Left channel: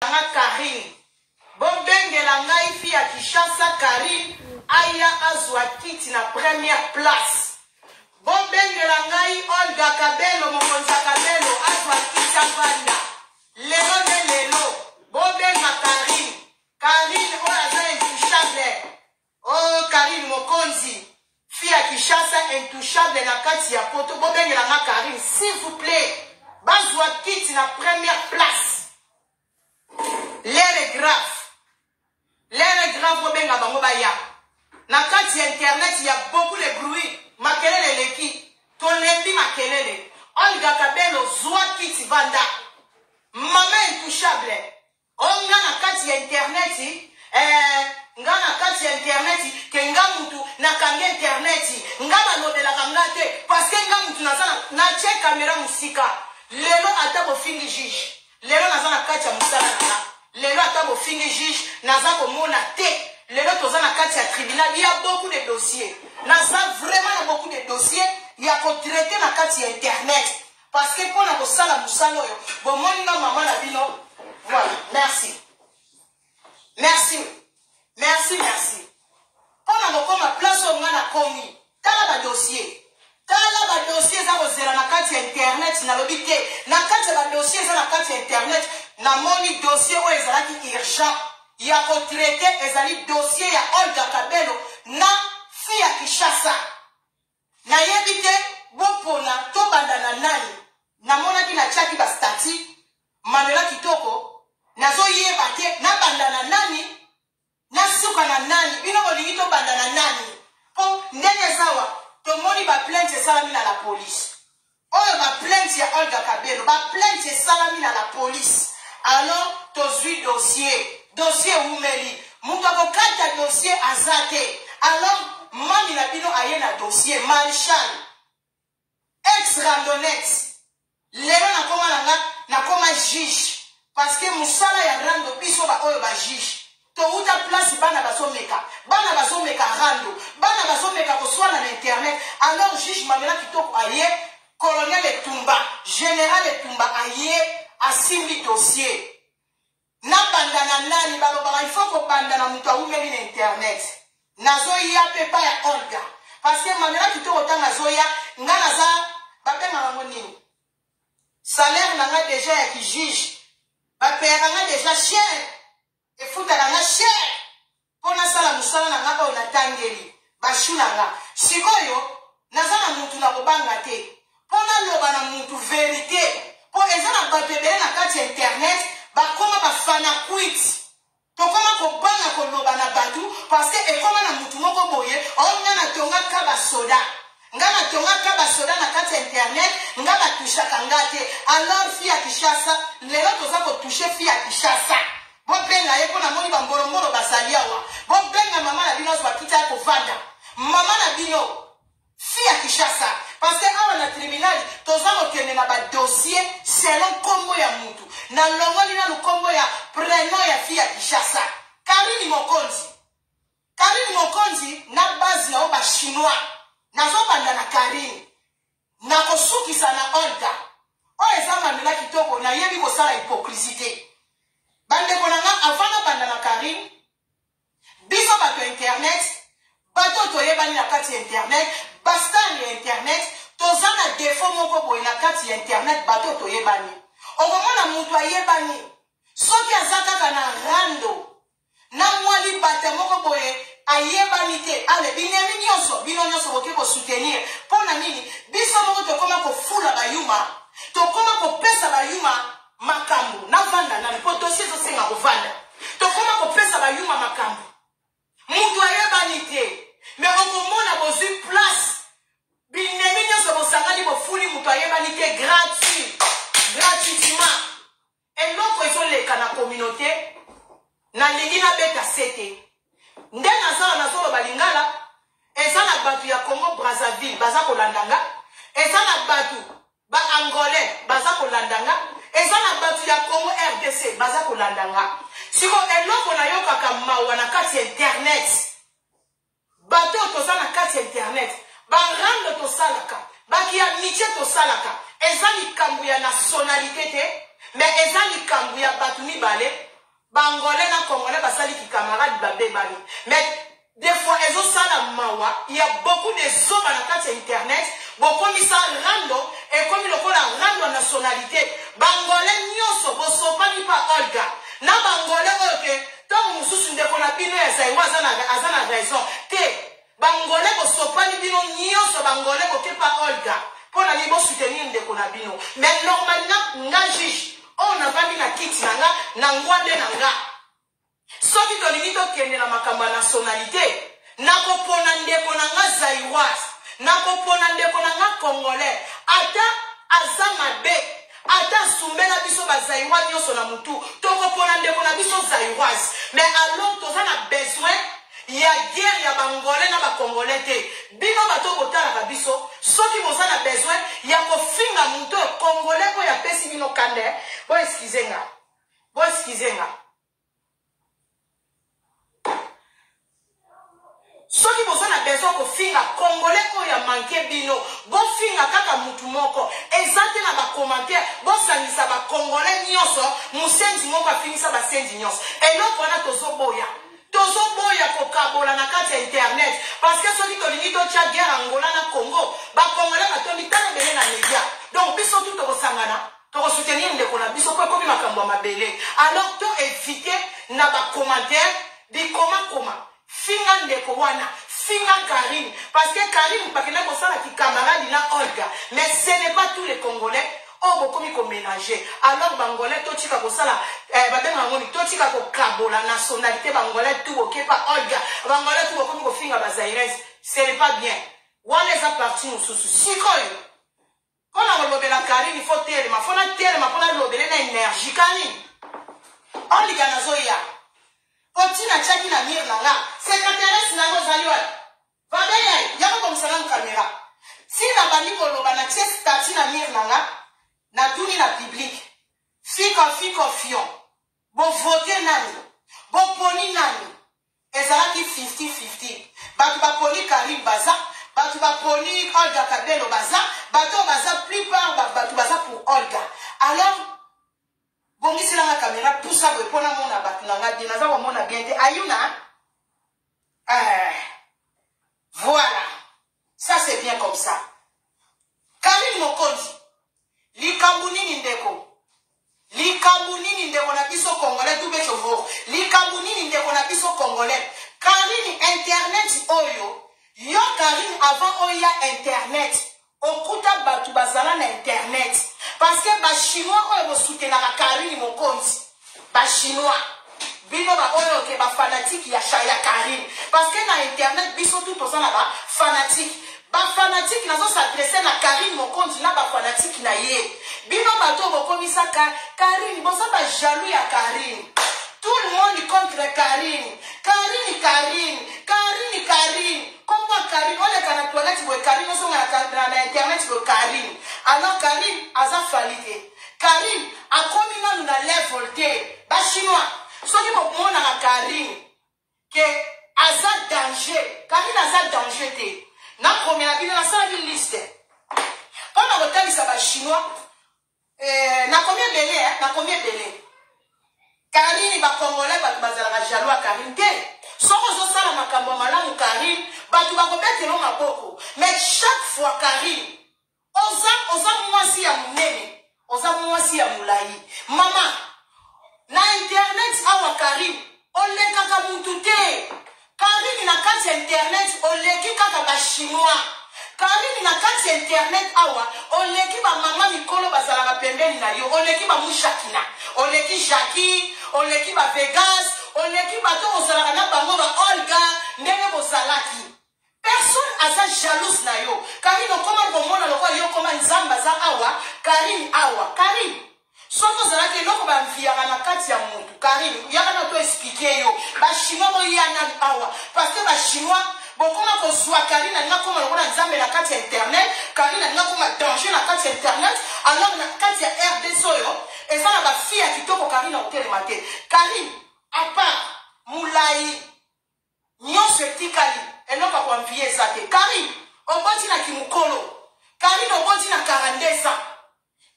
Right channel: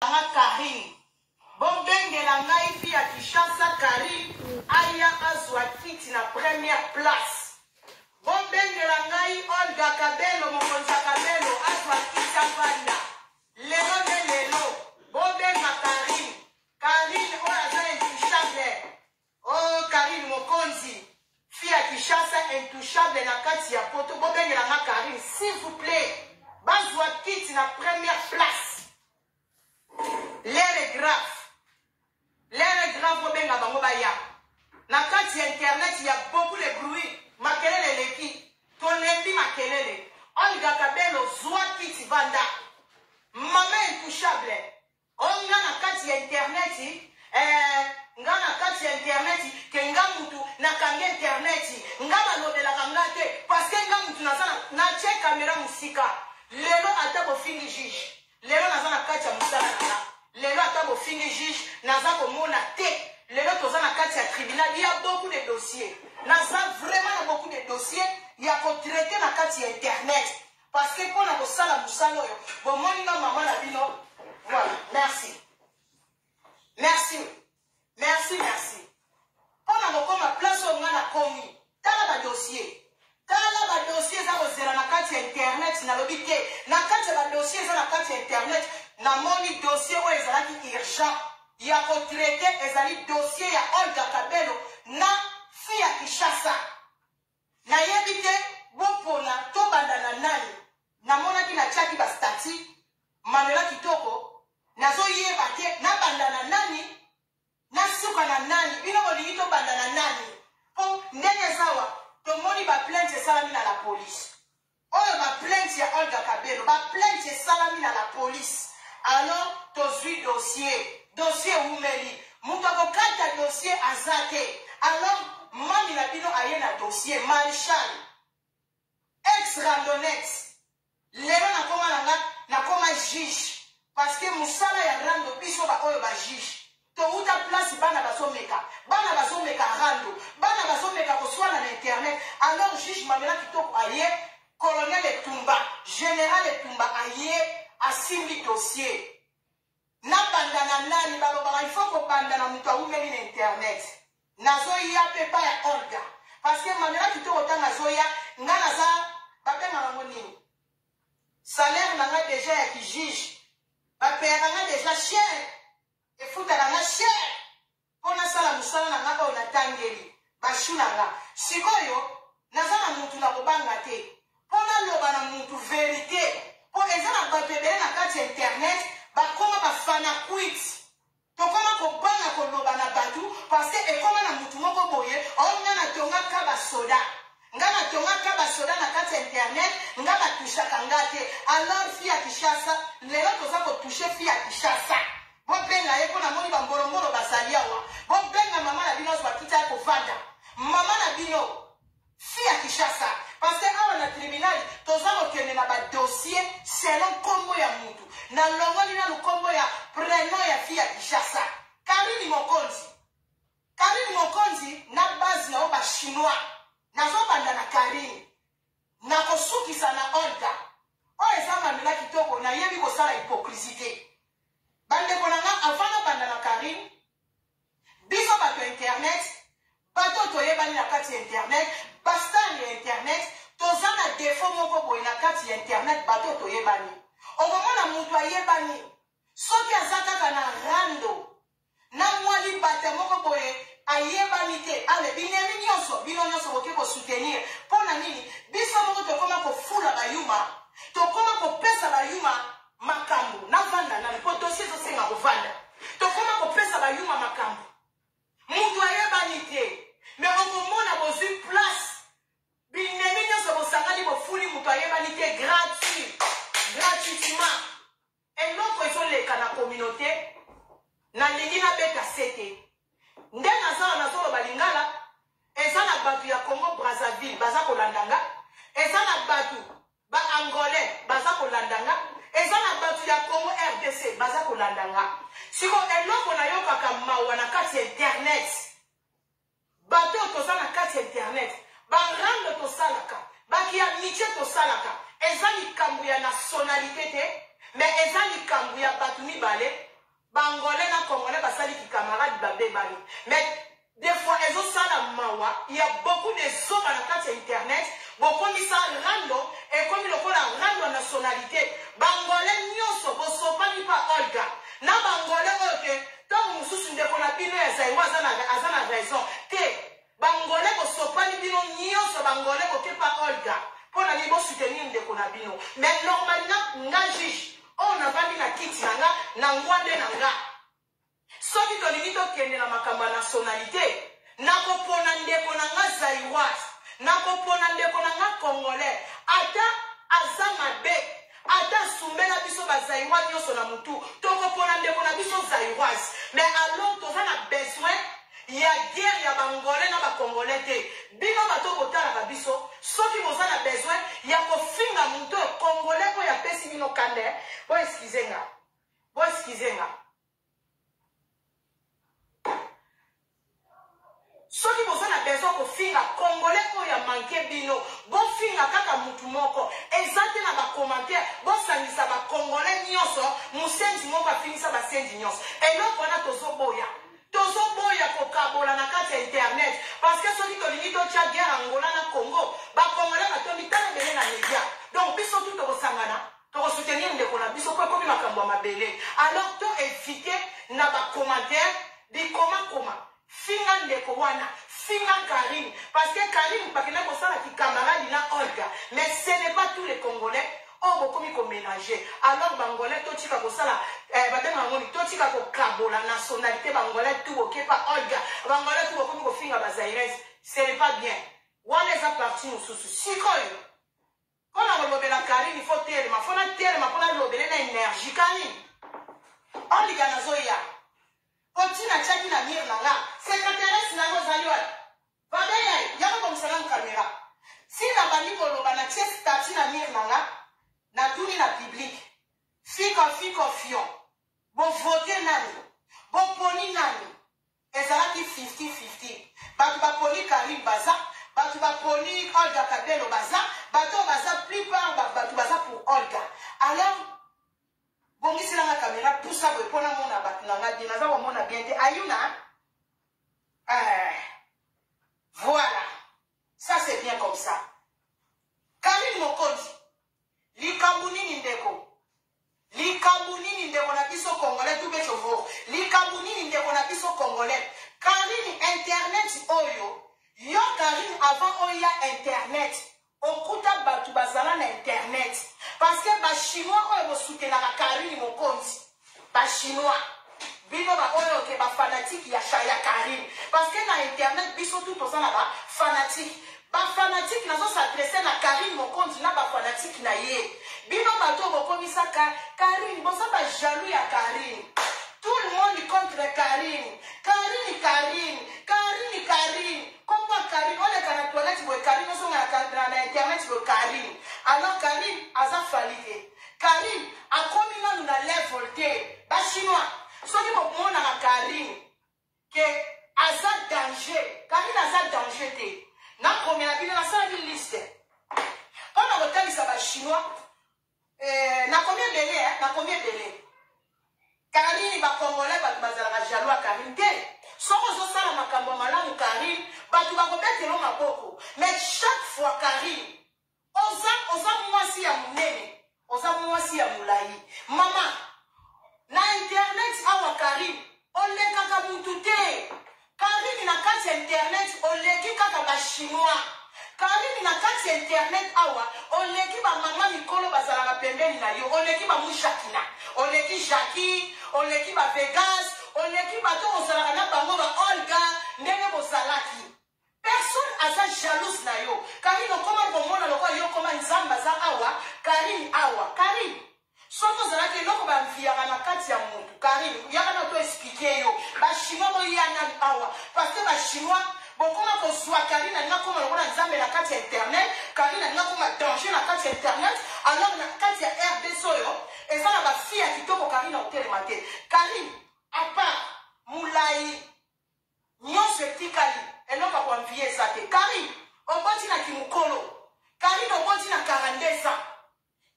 Karine. Bobengela ngai fi ya Kinshasa Karine aya azwa kiti na première place. Bobengela ngai Olga Kabelo mokonza Kabelo azwa kiti avanda. Lelo de lelo. Bobenga Karine. Karine oya intouchable. Oh Karine mokonzi. Fi ya Kinshasa intouchable na kati ya poto. Bobengela ngai Karine s'il vous plaît. Bazwa kiti na première place. L'air est grave. L'air est grave, Bobenga Bangobaya. Na kati internet, il y a beaucoup de bruit. Makelele leki. Tonembi makelele. Olga Kabelo, zwa kiti vanda. Maman intouchable. Onga na kati internet, nga na kati internet, ke nga mutu na kange internet. Nga balobela kangate. Parce que nga mutu na che kamera musika. Lelo atabo fingi juge. Lelo nazana kati ya musala na. Lelo atabo fingi juge. Nazako mona te. Lelo tozana kati ya tribunal. Il y a beaucoup de dossiers. Naza vraiment beaucoup de dossiers. Il y a qu'on traiter na kati ya internet. Parce que pour na sala musala yo. Bon moni na maman na bino. Voilà. Merci. Merci. Merci, merci. Pour na kokoma place au nga na komi. Tala ba dossier. Tala ba dossier za kozela na kati ya internet na lobite. Na kati ya dossier za na kati ya internet na moni dossier o ezalaki urgent. Ya kotraite ezali dossier ya Olga Kabelo na fi ya Kinshasa. Na yebite bopona to bandana nani. Na mona ki na chaki ba stati. Manuela Kitoko. Nazo yeba te na bandana nani. Na suka na nani. Bino bolingi to bandana nani. Po ndenge zawa. To moni ba plainte salami na la police. Oyo ba plainte ya Olga Kabelo. Ba plainte salami na la police. Alors, tozui dossier. Dossier oumeli. Moutako kata dossier azate. Alors, mami na bino aye na dossier. Marshal. Ex-randonnette. Lelo na koma juge. Parce que musala ya rando biso ba oyo ba juge. To uta place bana basomeka. Bana basomeka rando. Bana basomeka koswana na internet. Alors, juge Manuela Kitoko aye. Colonel Etumba. Général Etumba aye. Asimbi dossier. Na bandana nani balobara il faut ko bandana mutu aumeli na internet. Nazo ya pepa ya Olga. Parce que Manuela Kitoko tanga zoya ngana za bapenga nango nini. Salaire nanga déjà ya ki juge. Bapera nga déjà cher. E futa nanga cher. Pona sala musala nanga ba onatangeli. Bashuna nga. Sikoyo nazana mutu na kobanga te. Pona loba na mutu vérité. Po ezana batebele na kati internet bakoma bafana quit. Tokoma kobanga koloba na batu parce que ekoma na mutu moko boye onga na tonga kaba soda. Nga na tonga kaba soda na kati internet nga batusha kangate. Alors fi ya Kinshasa lelo toza ko toucher fi ya Kinshasa. Bobenga ye pona moni bamboromboro basaliawa. Bobenga mama na bino zwa kita ko vanda. Mama na bino fi ya Kinshasa. Parce que awa na tribunal toza kokende na ba dossier selon kombo ya mutu. Na longoli na lukombo ya prenom ya fi ya Kinshasa. Karine Mokonzi. Karine Mokonzi na base na oba chinois. Nazo banda na Karine. Na kosukisa na Olga. O eza Manuela Kitoko na yebi kosala hypocrisie. Bande konanga avana banda na Karine. Biso bato internet. Bato toyebani na kati internet. Bastan ya internet. Tozana defo moko boy na kati ya internet. Bato toyebani. Okomona mutu ayebani. Soki azaka na rando. Na mwali bata moko boye ayebani te. Ale binemi nyonso. Bino nyonso boke ko soutenir. Pona nini? Biso moko tokoma ko fula bayuma. Tokoma ko pesa bayuma makambu. Na vanda na poto sizo senga ko vanda. Tokoma ko pesa bayuma makambu. Mutu ayebani te. Mais okomona bozi place. Binemi nyonso bosangani bofuli mutu ayebani te gratuit. Gratuitement. Et l'autre ils sont les cana communauté. Na lingina beta sete. Ndena zala na zolo balingala. Ezana batu ya Congo Brazzaville baza kolandanga. Ezana batu ba Angolais baza kolandanga. Ezana batu ya Congo RDC baza kolandanga. Siko eloko na yoka kamawa na kati internet. Bato tozana kati internet. Ba rando to salaka. Baki ya niche to salaka. Ezani kambu ya nationalité te. Mais ezani kambu ya batu mibale. Bangolais na Congolais basali ki camarade babé bani. Mais des fois ils ont ça la mawa, il y a beaucoup de zones dans la carte internet, beaucoup mis ça rando et comme il a rando nationalité. Bangolais nyoso boso pas ni pas Olga. Na Bangolais OK, tant mususu ndeko na bino ya zaiwa azana raison. Te Bangolais boso pas ni bino nyoso Bangolais ko pas Olga. Pour la libo soutenir ndeko na bino. Mais normalement nga juge on a pas mis la kit nanga nangwa de nanga. Soki tolingi tokende na makambo ya nationalité, nakopona ndeko nanga zaiwaz, nakopona ndeko nanga congolais, ata aza mabe, ata sumbela biso bazaiwa nyonso na mutu, tokopona ndeko na biso zaiwaz. Mais alors toza na besoin ya guerre ya bangolais na bakongolais te. Bino bato botalaka biso, soki boza na besoin ya kofinga mutu congolais oyo apesi bino kande, bo excuse nga. Soki boza na besoin ko finga congolais ko ya manke bino bo finga kaka mutu moko ezate na ba commentaire bo sangisa ba congolais nyonso musenzi moko afinisa ba senzi nyonso eloko wana tozoboya ko kabola na kati ya internet parce que soki tolingi totia guerre Angola na Congo ba congolais batondi tala bele na media donc biso tout tokosangana tokosoutenir ndeko na biso po ekomi makambo ya mabele alors to éviter na ba commentaire di koma finga ndeko wana, finga Karine. Parce que Karine, pas que là, qui camarade na Olga. Mais ce n'est pas tous les Congolais. Oh, beaucoup mi ménager. Alors, Bangolais, tout tika ko sala, tout tika ko kabo, la nationalité Bangolais, tout ok, pas Olga. Bangolais, tout ok, ko finga bazaires. Ce n'est pas bien. Wana les a parti nous sous sikoyo. Quand on a la Karine, il faut terre, ma fona terre, ma fona lobele na énergie Karine. On liga na zoya. Otina chaki na mir nanga, secrétaire nango zaliwa. Babeye, yako comme ça na caméra. Si na bandi ko loba na ties stati na mir nanga, na tuni na public. Fiko fion. Bon voter nani. Bon poni nani. Ezalaki 50-50. Batu ba poni Karim Baza, batu ba poni Olga Kabelo Baza, batu Baza plupart batu Baza pour Olga. Alors bon, si la caméra, tout ça, vous pouvez prendre la bien. Ayuna. Voilà. Ça, c'est bien comme ça. Karine Mokonzi. Likabuni Nindeko. Likabuni Nindeko na biso congolais, tout bechovo. Likabuni Nindeko na biso congolais. Karine Internet Oyo. Yo Karine avant Oya Internet. Okuta batu bazala na Internet. Parce que les Chinois ont soutenu la Karine Mokonzi. Les Chinois. Bino ba oyo ke ba fanatique ya Chaya Karine. Parce que dans Internet, biso tout pour ça là fanatique. Ba fanatique nazo s'adresser na Karine Mokonzi na ba fanatique na ye. Bino ba to bokomi sa Karine, bosa ba jaloux ya Karine. Tout le monde contre Karine. Karine. Comment Karine, on est dans la toilette, Karine, on est dans Internet, Karine. Alors Karine, aza falite. Karine, a combien nous allons volter? Bah chinois, soit que mon a Karine, que aza danger. Karine aza danger. Na première ville, na ça une liste. Quand on retient ça ba chinois, na combien belé, na combien belé. Karine ba congolais ba bazala jaloux à Karine. Soko zo sala makambo malamu Karine, batu bakobete no maboko. Mais chaque fois Karine, oza mwasi ya munene, oza mwasi ya mulai. Mama, na internet awa Karine, oleka ka mutu te. Karine na kati internet oleki kaka ba chinois. Karine na kati internet awa oleki ba mama mikolo bazala ba pembeni na yo, oleki ba mushakina, oleki Jackie, oleki ba Vegas. On équipe à tout au salariat, bango ba Olga, ndenge bo salaki. Personne a sa jalouse na yo. Karine, comment bon na loko yo comment nzamba za awa, Karine awa, Karine. Soko salaki loko ba mfiara na kati ya mutu. Karine, yaka na to expliquer yo. Ba chinois bo yana awa. Parce que ba chinois, bon comment ko soit Karine na comment loko na nzamba na kati ya internet, Karine na comment danger na kati ya internet, alors na kati ya RD soyo, et ça na ba fille qui toko Karine au télématé. Karine à part Moulaï, Nyonse Tikali, et non pas pour envier ça. Karine, on bâtit na Kimukolo. Karine, on bâtit na Karandesa.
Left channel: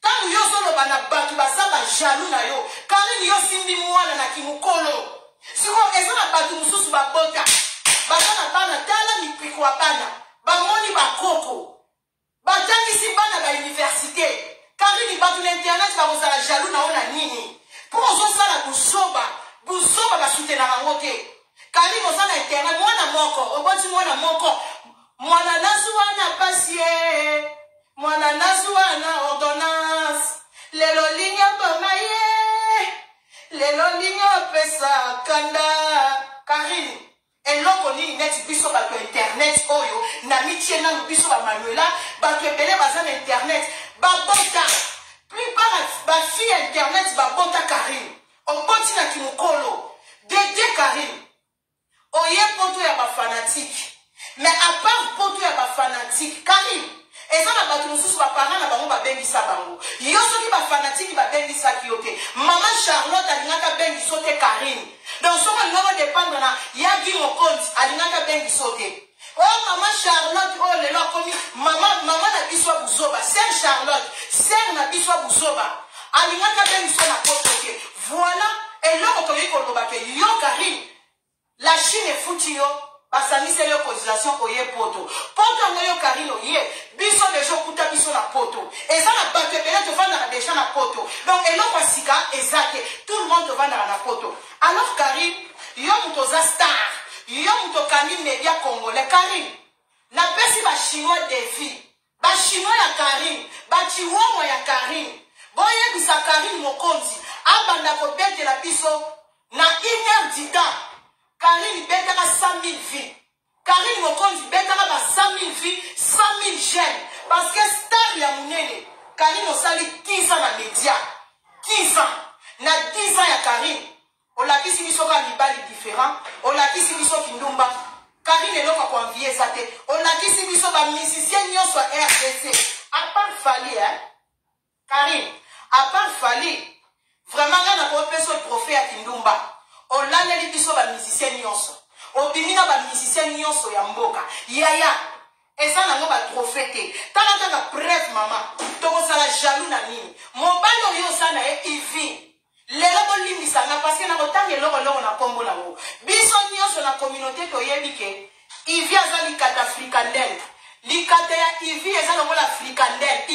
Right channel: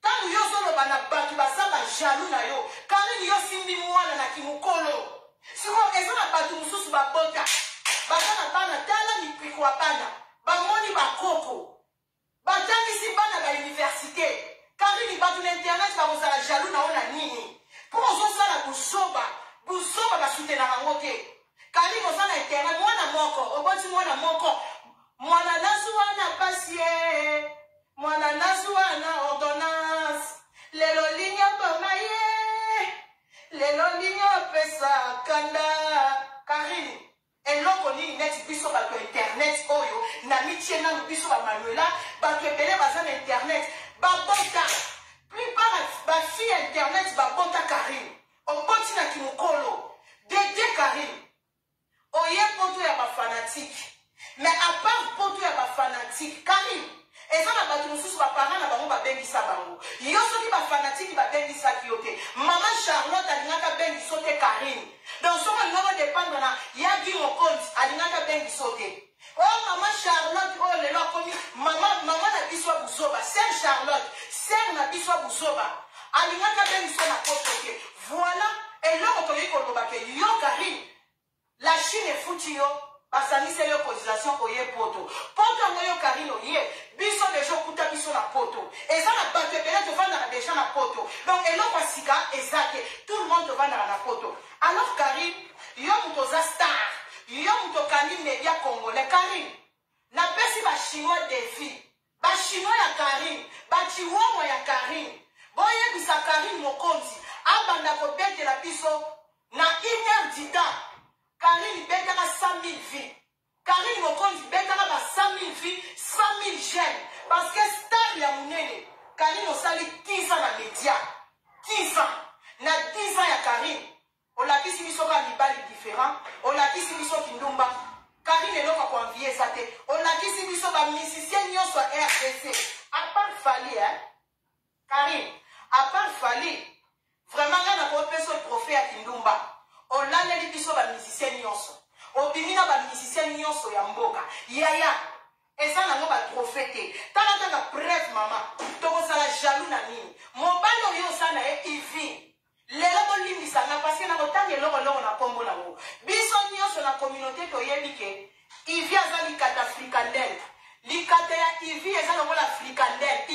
Tant yo solo bana batu basaba jaloux na yo. Karine yo simbi mwana na kimukolo. Siko eza na batu mususu babota. Basana bana tala mipiko wa bana. Bamoni bakoko. Batangisi bana ba université. Karine batu na internet bazala jaloux na ona nini. Pour ozosala busoba. Busoba basutena bango te. Karine ozana internet mwana moko. Oboti mwana moko. Mwana nasu wana pasie. Mwana nasu wana ordonnance. Lelo linyo bomaye. Lelo linyo pesa kanda. Karine. Eloko nini neti biso bato internet oyo. Na mitie na biso ba manuela. Bato ebele baza na internet. Babota. Plupart ba fille internet babota Karine. Oboti na kimukolo. Dede Karine. Oye poto ya ba fanatique. Mais à part poto ya ba fanatique, Karine. Eza na bato mususu ba parents na bango ba bengisa bango. Yo soki ba fanatique ba bengisa kiyote. Maman Charlotte alingaka bengisa te Karine. Donc soma ngoko dépendre na yagi mokonzi alingaka bengisa te. Oh maman Charlotte oh lelo komi maman na biso buzoba, sœur Charlotte, sœur na biso buzoba. Alingaka bengisa na poto te. Voilà et là on ko loba ke yo Karine. La Chine est foutue yo. Basami c'est leur cotisation oye poto. Poto ngoyo Karine oye. Biso de gens kuta biso na poto. Et ça na batte bele te vendre déjà na poto. Donc et l'on sika exact. Tout le monde te vendre na poto. Alors Karine, yo mutoza star. Yo mutokami media congolais Karine. Na pesi ba chinois défi. Ba chinois ya Karine. Ba chihuahua ya Karine. Boye bisa Karine mokonzi. Abanda ko bete la biso na 1h du temps. Karine betaka 100 000 vies. Karine mokonzi betaka ba 100 000 vies, 100 000 jeunes. Parce que star ya munene. Karine osali 10 ans na média. 10 ans. Na 10 ans ya Karine. On l'a dit si biso ka libali différent. On l'a dit si biso kindumba. Karine eloko ko envier ça te. On l'a dit si biso ba musicien nyonso RDC. À part Fali hein. Karine, à part Fali. Vraiment là na ko peso prophète ya kindumba. On l'a dit biso ba musicien nyonso. Obimina ba musicien nyonso ya mboka. Yaya. Et ça n'a pas trophée. Tant que preuve maman. Toko sala jaloux na nini. Mon balo yo sana e ivi. Lelo bolimbisa na parce que na kotange loko na kombo na wo. Biso nyonso na communauté to yebike. Ivi azali kata frikandel. Likata ya ivi ezali ngola frikandel.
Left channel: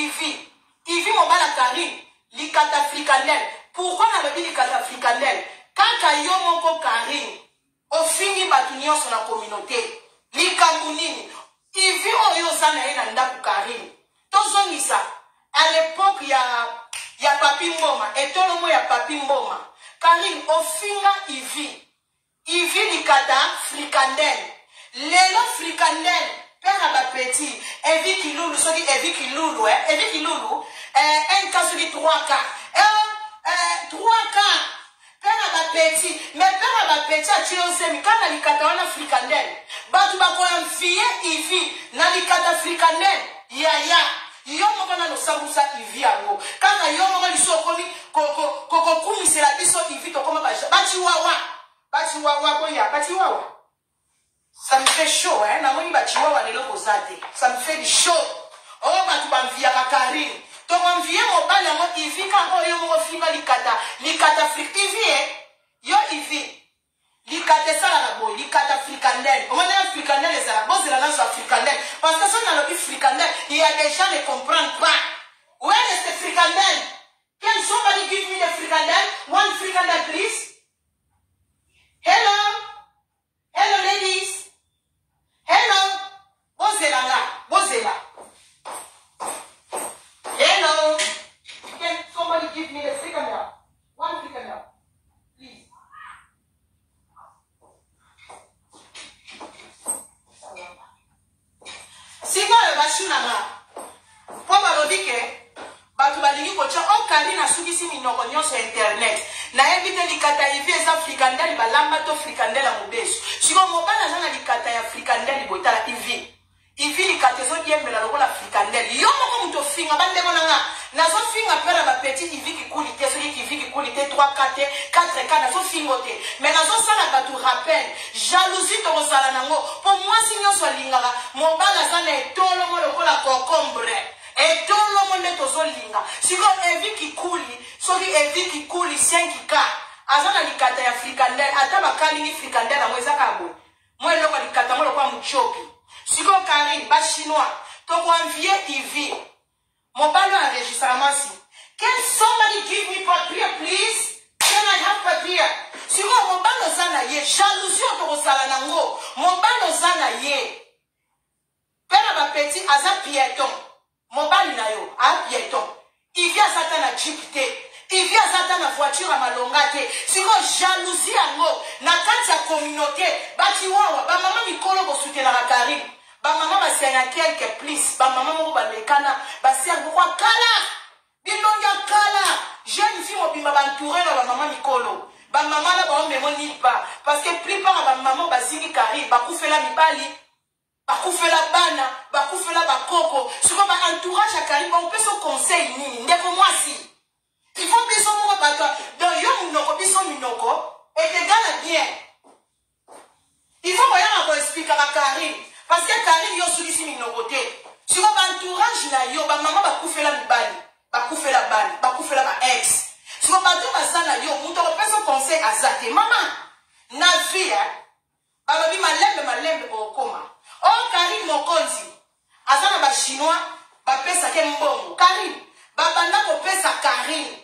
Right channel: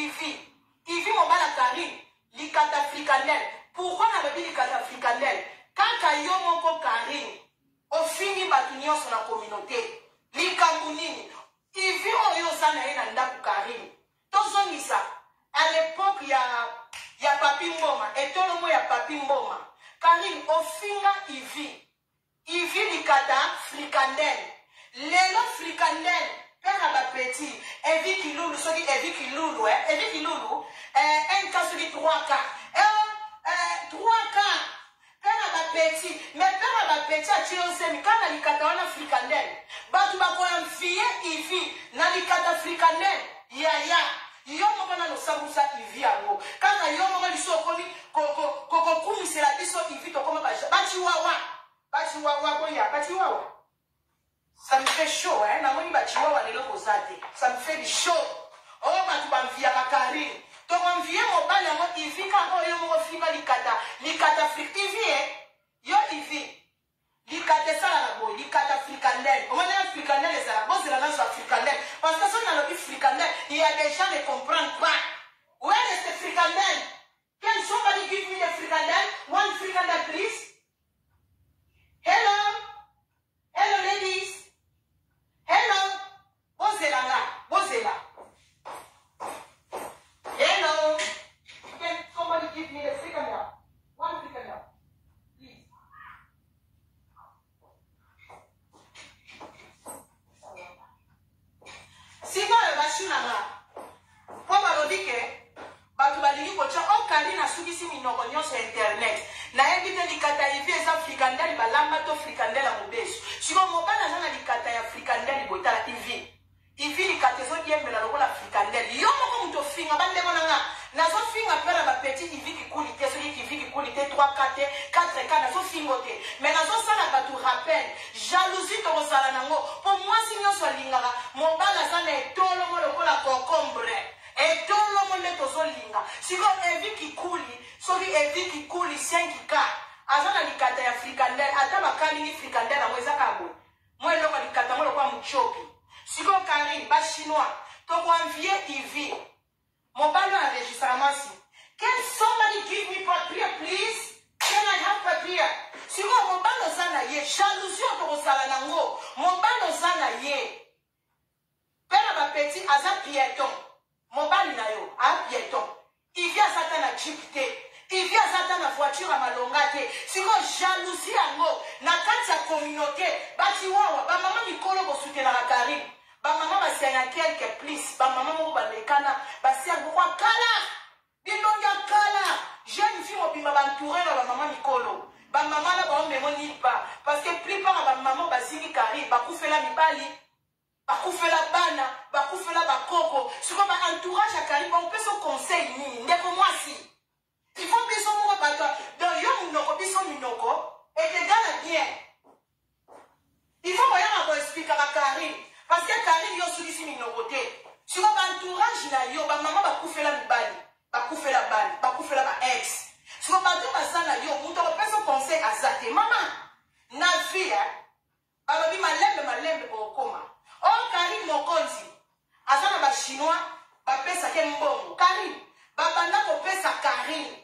Ivi mobala Karine. Likata frikandel. Pourquoi na lobi likata frikandel? Kaka yo moko Karine. Ofingi batu nyonso na communauté. Likambu nini? Ivi oyo sana ye na ndaku Karine. Tozongisa. À l'époque ya Papi Mboma. Et tout le monde ya Papi Mboma. Karine ofinga Ivi. Ivi likata frikandel. Lelo frikandel. Père ba petit. Evi kilulu. Soki Evi kilulu. Evi kilulu. Un cas sur les 3K. 3K. Père ba petit. Mais père ba petit a tué un semi. Quand na likata wana frikandel. Batu bako enfiye Ivi. Na likata frikandel. Yaya. Yo moko na no sabusa Ivi yango. Kana yo moko liso komi koko kumisela biso Ivi to koma bachiwawa boya bachiwawa. Ça me fait chaud hein na moni bachiwawa lelo kozate. Ça me fait du chaud. Oh batu bamvia ka Karine. To bamvia mo bala mo Ivi ka oyo mo finga likata frik Ivi yo Ivi. Likata sala na boy likata frikandel. On a frikandel les arabes c'est la langue frikandel parce que ça na lobi frikandel il y a des gens ne comprennent pas. Where is the frikandel? Can somebody give me the frikandel? One frikandel please. Hello ladies. Hello bozela. Hello. Can somebody give me the frikandel? One frikandel please. Siko le bashunanga. Po balobike batu balingi kocha o Karine asukisi minoko nyonso internet. Na invite likata Ivi eza frikandel balamba to frikandel mobeso. Siko mobana zana likata ya frikandel botala Ivi. Ivi likata zo diembela lokola frikandel. Yo moko muto finga bande bonanga. Nazo finga pera ba petit Ivi ki kulite so ki Ivi ki kulite 3 4 nazo fingote. Mais nazo sala batu rappel. Jalousie to sala nango. Pour moi si nyonso lingara mobala zana etolo mo lokola concombre. Et tout le monde est aux linga. Si vous avez qui coule, soki evi qui coule 5 cas. Azana likata ya frikandel, ata bakali ni frikandel na mweza kabo. Moi loko likata mo lokwa muchoki. Si vous Karine, ba chinois, to ko envier TV. Mon ballon enregistrement si. Can somebody give me papier please? Can I have papier? Si vous mon ballon zana ye, jalousie to ko sala nango. Mon ballon zana ye. Père ba petit aza piéton. Mon ballon na yo, a piéton. Il vient Satan à Jupiter. Il vient Satan à voiture à malongate. Si vous jalousie à moi, na kati communauté, bati wawa, ba maman mikolo bo soutenir la Karine. Ba maman ba sena quelque plus, ba maman mo ba lekana, ba ser pourquoi kala. Bilonga kala. Jeune fille mo bima ba entouré na ba maman mikolo. Ba maman na ba on me ni pas parce que plupart ba maman ba zingi Karine, ba kufela mibali. Bakufela bana, bakufela bakoko. Si on va entourage à Karine, on peut son conseil ni. Ndeko moi si. Il faut que son mot bata. Dans yon minoko, biso minoko, et que gana bien. Il faut que on explique à Karine. Parce que Karine yo sous ici minokote. Si on va entourage na yo, ba maman bakufela mibali, bakufela bana, bakufela ba ex. Si on va dire ça na yo, on peut son conseil à Zate. Maman, na vie, balobi malembe au coma. Oh, Karine Mokonzi, azana ba chinois, ba pesa ke mbongo. Karine, babanda ko pesa Karine,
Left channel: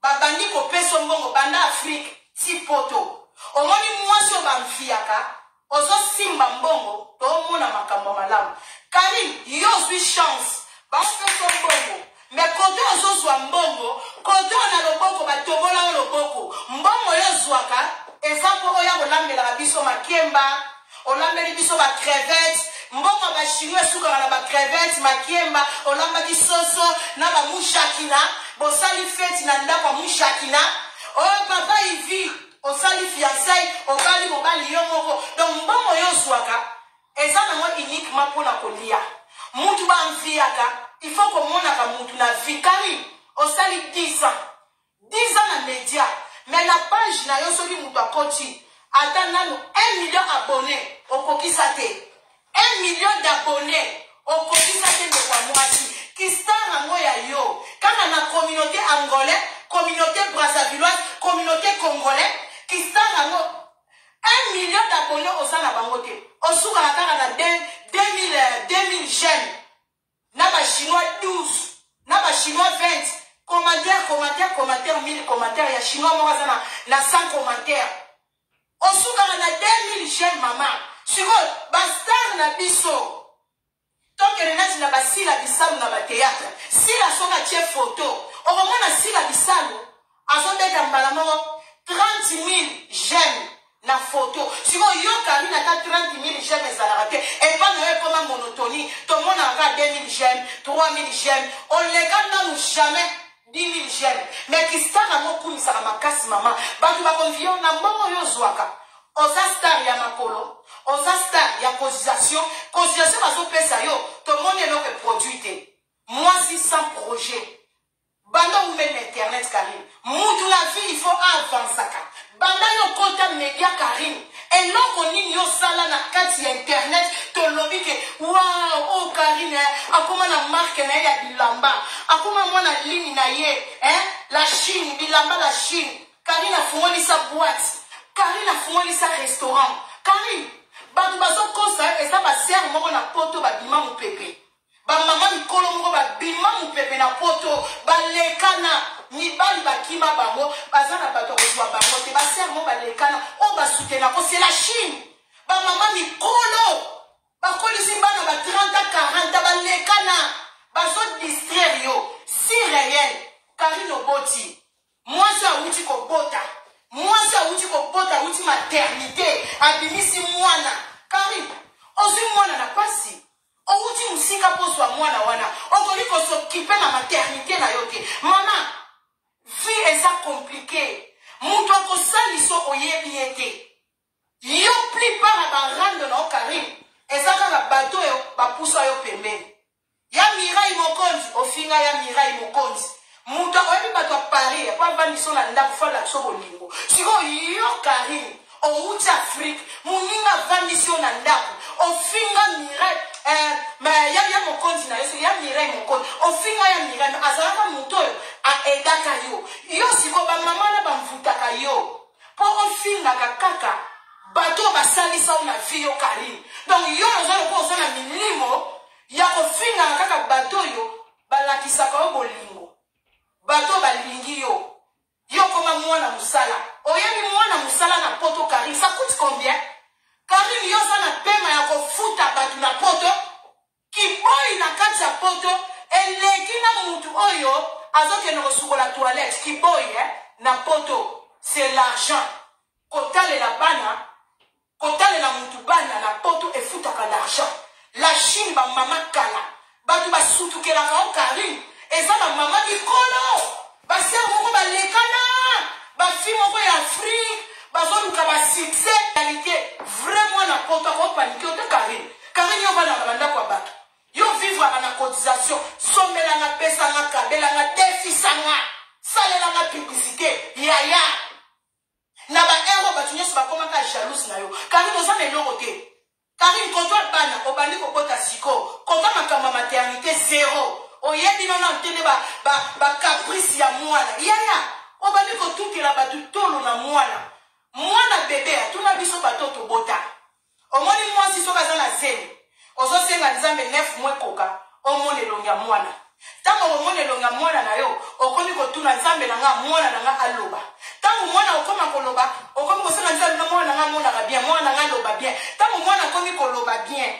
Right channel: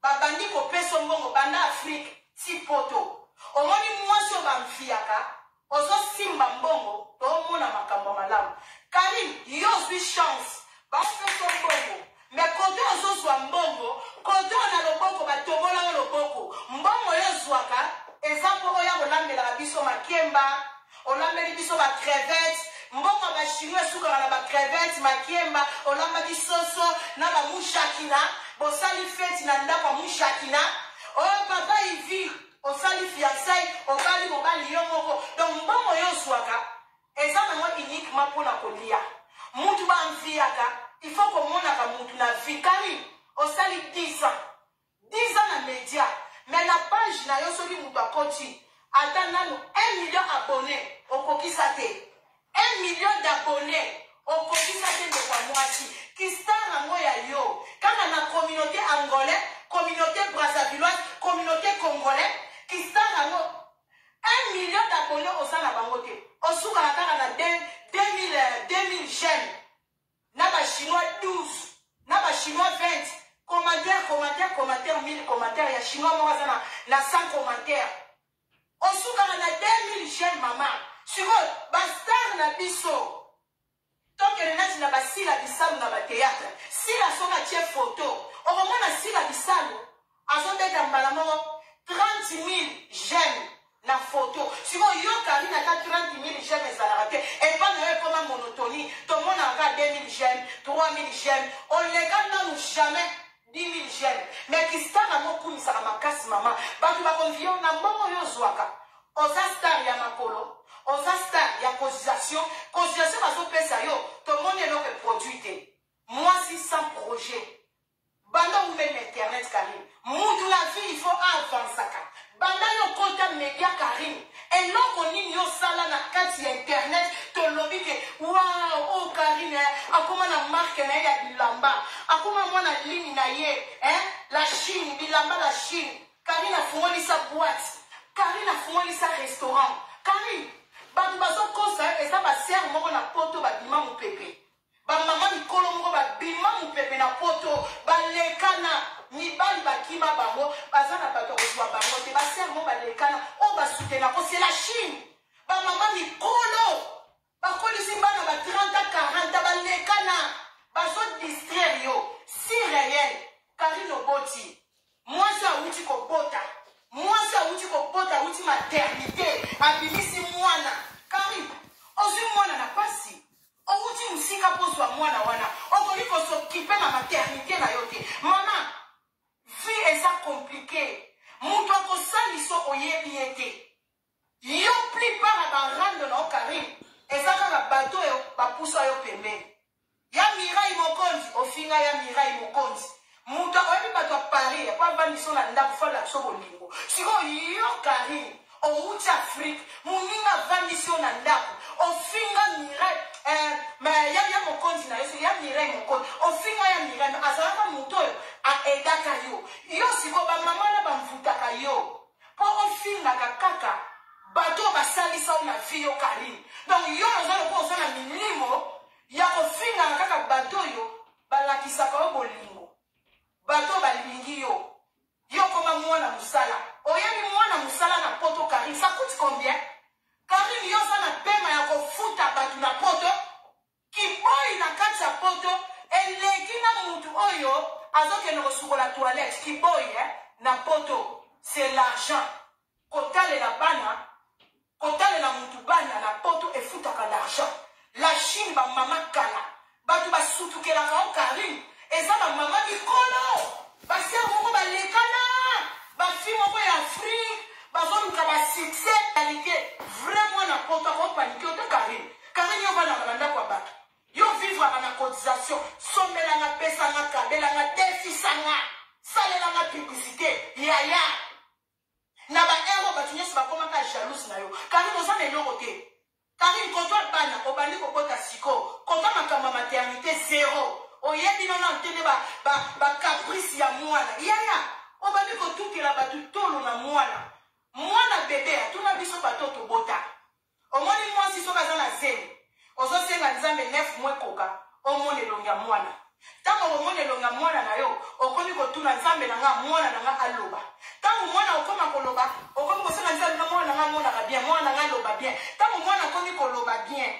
babandi ko pesa mbongo, banda Afrique, si poto. Omoni mwasi o bamfiaka, ozo simba mbongo, to mona makambo malamu. Karine, yo suis chance, ba pesa mbongo. Mais kote ozo zwa mbongo, kote ona loboko, ba tobola loboko. Mbongo yo zwaka, ezako oya kolambela biso makemba, olambeli biso ba crevettes, mbongo ba chinois suka na ba crevettes, makiemba, olamba di soso na ba mushakina, bosali fête na ndako mushakina. Oh papa ivi, osali fiançailles, okali mobali yo moko. Donc mbongo yo swaka, eza na mo uniquement pour na kolia. Mutu ba mfiaka, il faut que mona ka mutu na vikari, osali 10 ans. 10 ans na média, mais la page na yo soli mutu akoti. Attendons 1 million d'abonnés au Kokisate. 1 million d'abonnés au Kokisate de Wamouati. Qui star en yo. Quand on a communauté angolaise, communauté brassavilloise, communauté congolaise, qui star en 1 million d'abonnés au Sana Bangote. Au Soukarakar, on a 2000 jeunes. Naba chinois 12. Naba chinois 20. Commentaire, 1000 commentaires. Il y a chinois, moi, na 100 commentaires. Osukana na 2000 jeunes maman. Siko bastar na biso. Toke renati na basila bisalu na ba théâtre. Sila soka tie photo. Oromona sila bisalu. Azobeta mbala moko 30 000 jeunes na photo. Siko yo Karine ata 30 000 jeunes ezalaka te. Et pas na comme monotonie. Tout le monde a 2000 jeunes, 3000 jeunes. On les garde jamais. 10 000 jeunes. Mais qui star à mon coup, il sera ma casse maman. Batu ba convion na mbongo yo zwaka. Oza star ya makolo. Oza star ya cotisation. Cotisation bazo pesa yo. Tout le monde est là pour produire. Moi, si sans projet. Banda ou même internet Karine. Moutou la vie, il faut avancer. Banda yo compte média Karine. Et là, on y a sala na kati internet, to lobby que waouh, oh Karine, akoma na marque na ya bilamba, akoma mwana ligne na ye, la Chine, bilamba la Chine. Karine a fourni sa boîte, Karine a fourni sa restaurant. Karine, batu bazo kosa et ça va servir moko na poto ba bima mu pepe. Ba mama mikolo moko ba bima mu pepe na poto, ba lekana. Ni bali bakima bango bazana bato kozwa bango te basermo balekana o basutena ko c'est la Chine ba mama mikolo bakolisi bana ba 30 40 balekana bazo distraire yo si réel Karine Oboti moi ça uti ko bota uti maternité abimisi mwana Karine ozi mwana na pasi o uti musika poswa mwana wana okoliko s'occuper na maternité na yote mama vie est ça compliqué. Mouto ko saliso oyebiete. Yo plupart à barande na Karine. Et ça na bateau yo ba poussa yo pembeni. Ya Mirai Mokonzi, ofinga ya Mirai Mokonzi. Mouto oyebi bato a Paris, pa baniso na ndaku fa la so bolingo. Siko yo Karine, o uti Afrique, muninga vaniso na ndaku. Ofinga Mirai ya Mokonzi na yo, ya Mirai Mireille Mokoni. Au final, ya Mireille, azalaka moto a edaka yo. Yo siko ba mama na ba mvutaka yo. Po au final kaka bato basali sa na vie yo Karine. Donc yo ozalo ko ozana milimo ya ko final kaka bato yo balakisaka yo bolingo. Bato balingi yo. Yo koma mwana musala. Oyebi mwana musala na poto Karine, ça coûte combien? Karine yo za na pema ya kofuta batu na poto. Kiboy na kati ya poto eleki na mutu oyo azoke na kosukola toilette. Kiboy na poto, c'est l'argent. Kotale la bana, kotale la mutu bana na poto e futaka l'argent. La Chine ba mama kala. Batu ba sutukelaka o Karine. Eza ba mama likolo. Ba ser moko ba lekana. Ba fi moko ya Afrique. Ba zoluka ba succès. Qualité vraiment na poto ko panique o te Karine. Karine yo bana banda kwa batu. Yo vivre na cotisation. Somela nga pesa nga kabela nga defisa nga. Salela nga publicité. Yaya. Na ba ero ba tunyesi ba koma ka jalouse na yo. Karine oza na eloko te. Karine koto bana obandi kokota siko. Kota makamba maternité zéro. Oyebi nona ntele ba caprice ya mwana. Yaya. Obandi kotukela batu tolo na mwana. Mwana bebe atuna biso batoto bota. Omoni mwasi soka za na zemi. Ozo senga nzambe 9 mois koka. Omone longa mwana. Tango omone longa mwana na yo. Okomi kotuna nzambe na nga mwana na nga aloba. Tango mwana okoma koloba. Okomi kosenga nzambe na mwana na nga mwana ka bien. Mwana na nga loba bien. Tango mwana komi koloba bien.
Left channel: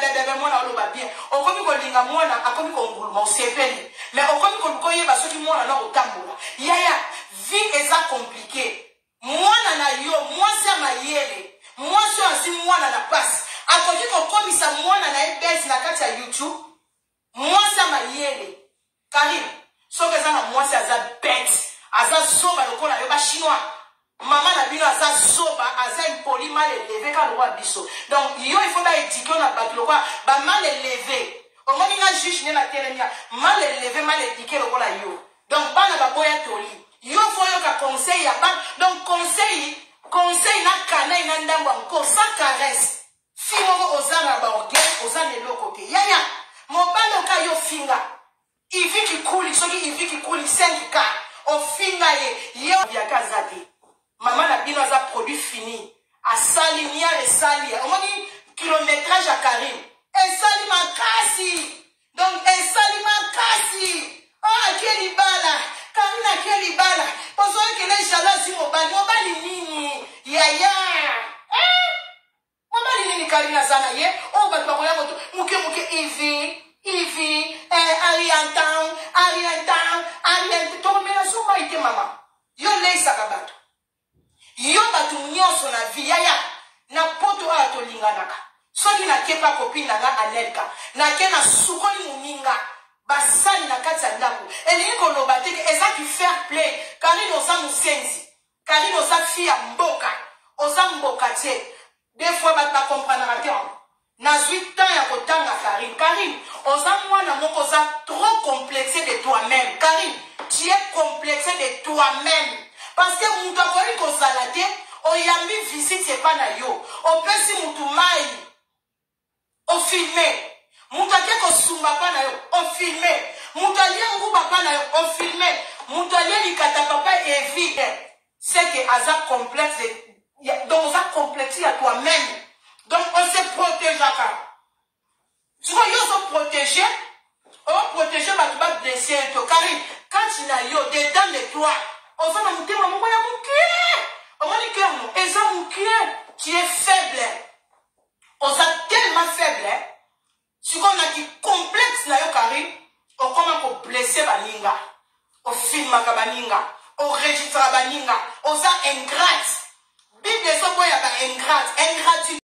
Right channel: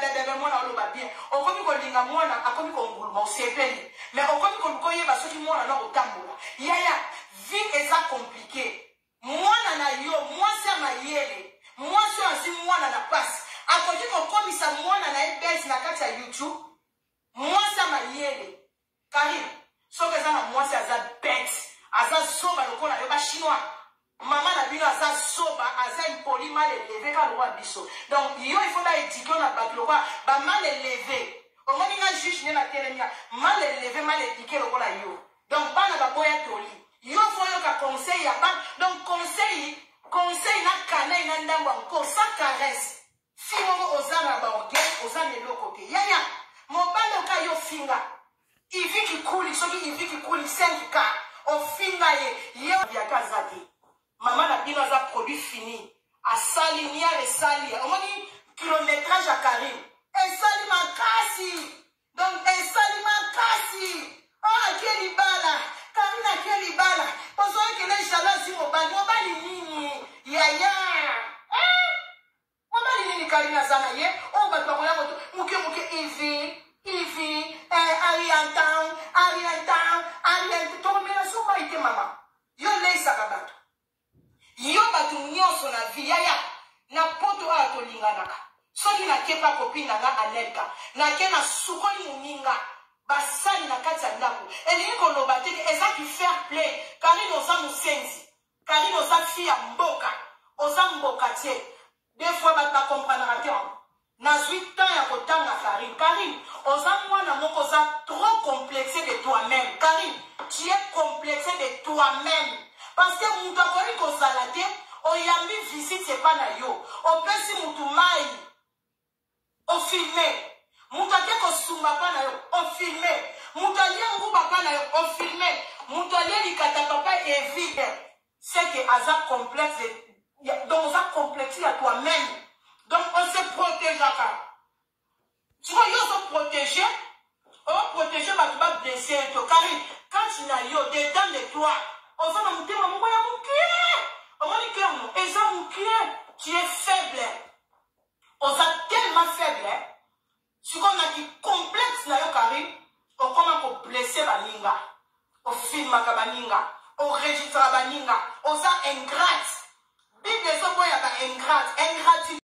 Bebe mwana oloba bien. Okomi kolinga mwana akomi konguluma osepeli. Mais okomi kolukoyeba soki mwana na kotambola. Yaya, vie eza compliqué. Mwana na yo, mwasi ya mayele. Mwasi asi mwana na pasi. Akoki kokomisa mwana na ebezi na kati ya YouTube. Mwasi ya mayele. Karine, soki eza na mwasi aza bête. Aza zoba lokola yo ba chinois. Maman na bino aza zoba, aza impoli mal élevé ka lokola biso. Donc yo il faut ba éduquer na bato lokola ba mal élevé. Omoni nga juge ne na telemia mal élevé mal éduqué lokola yo. Donc bana ba boya toli. Yo faut yo ka conseil ya ba. Donc conseil na kana ina ndambo encore sans caresse. Si moko ozana ba orgueil, ozana eloko te. Yaya, mobalo ka yo finga. Ivi ki kuli, soki ivi ki kuli 5K. O finga ye, yo via kazate. Maman na bino za produit fini. Asali mia et sali. Omoni kilométrage à Karine. Et sali makasi. Donc et sali makasi. Oh, akeli bala. Karine akeli bala. Pozo kele jalouse mobali. Mobali nini? Yaya. Mobali nini Karine zana ye? Oh, ba kwa yango to. Muke Ivi. Ariantan. Tomela soma ite mama. Yo leisa kabato. Yo batu nyonso na vie yaya na poto a to linganaka. Soki na kepa copine nga Anelka. Na ke na sukoli muninga. Basali na kati ya ndako. Elingi koloba te eza ki fair play. Karine oza musenzi. Karine oza fille ya mboka. Oza mboka te. Des fois bat ba comprendre te. Na 8 ans ya kotanga Karine. Karine, oza mwana moko oza trop complexé de toi-même. Karine, tu es complexé de toi-même. Parce que mutu akoyi kozala te, oyambi visite epa na yo. Opesi mutu mai. O filme. Mutu ake kosumba pa na yo. O filme. Mutu alie nguba pa na yo. O filme. Mutu alie likata papa evite. C'est que aza complexe. Donc oza complexe à toi-même. Donc on se protège à ça. Tu vois, yo se protéger. On protéger ma tuba blessé. Karine, quand il a yo dedans de toi. On va me dire, maman, on va dire, tu es faible. On est tellement faible. Si on a qui complexe, na yo Karine, on commence à blesser baninga. On filme baninga. On registre baninga. On est ingrate. Bible, ça, il y a ingrat. Ingratitude.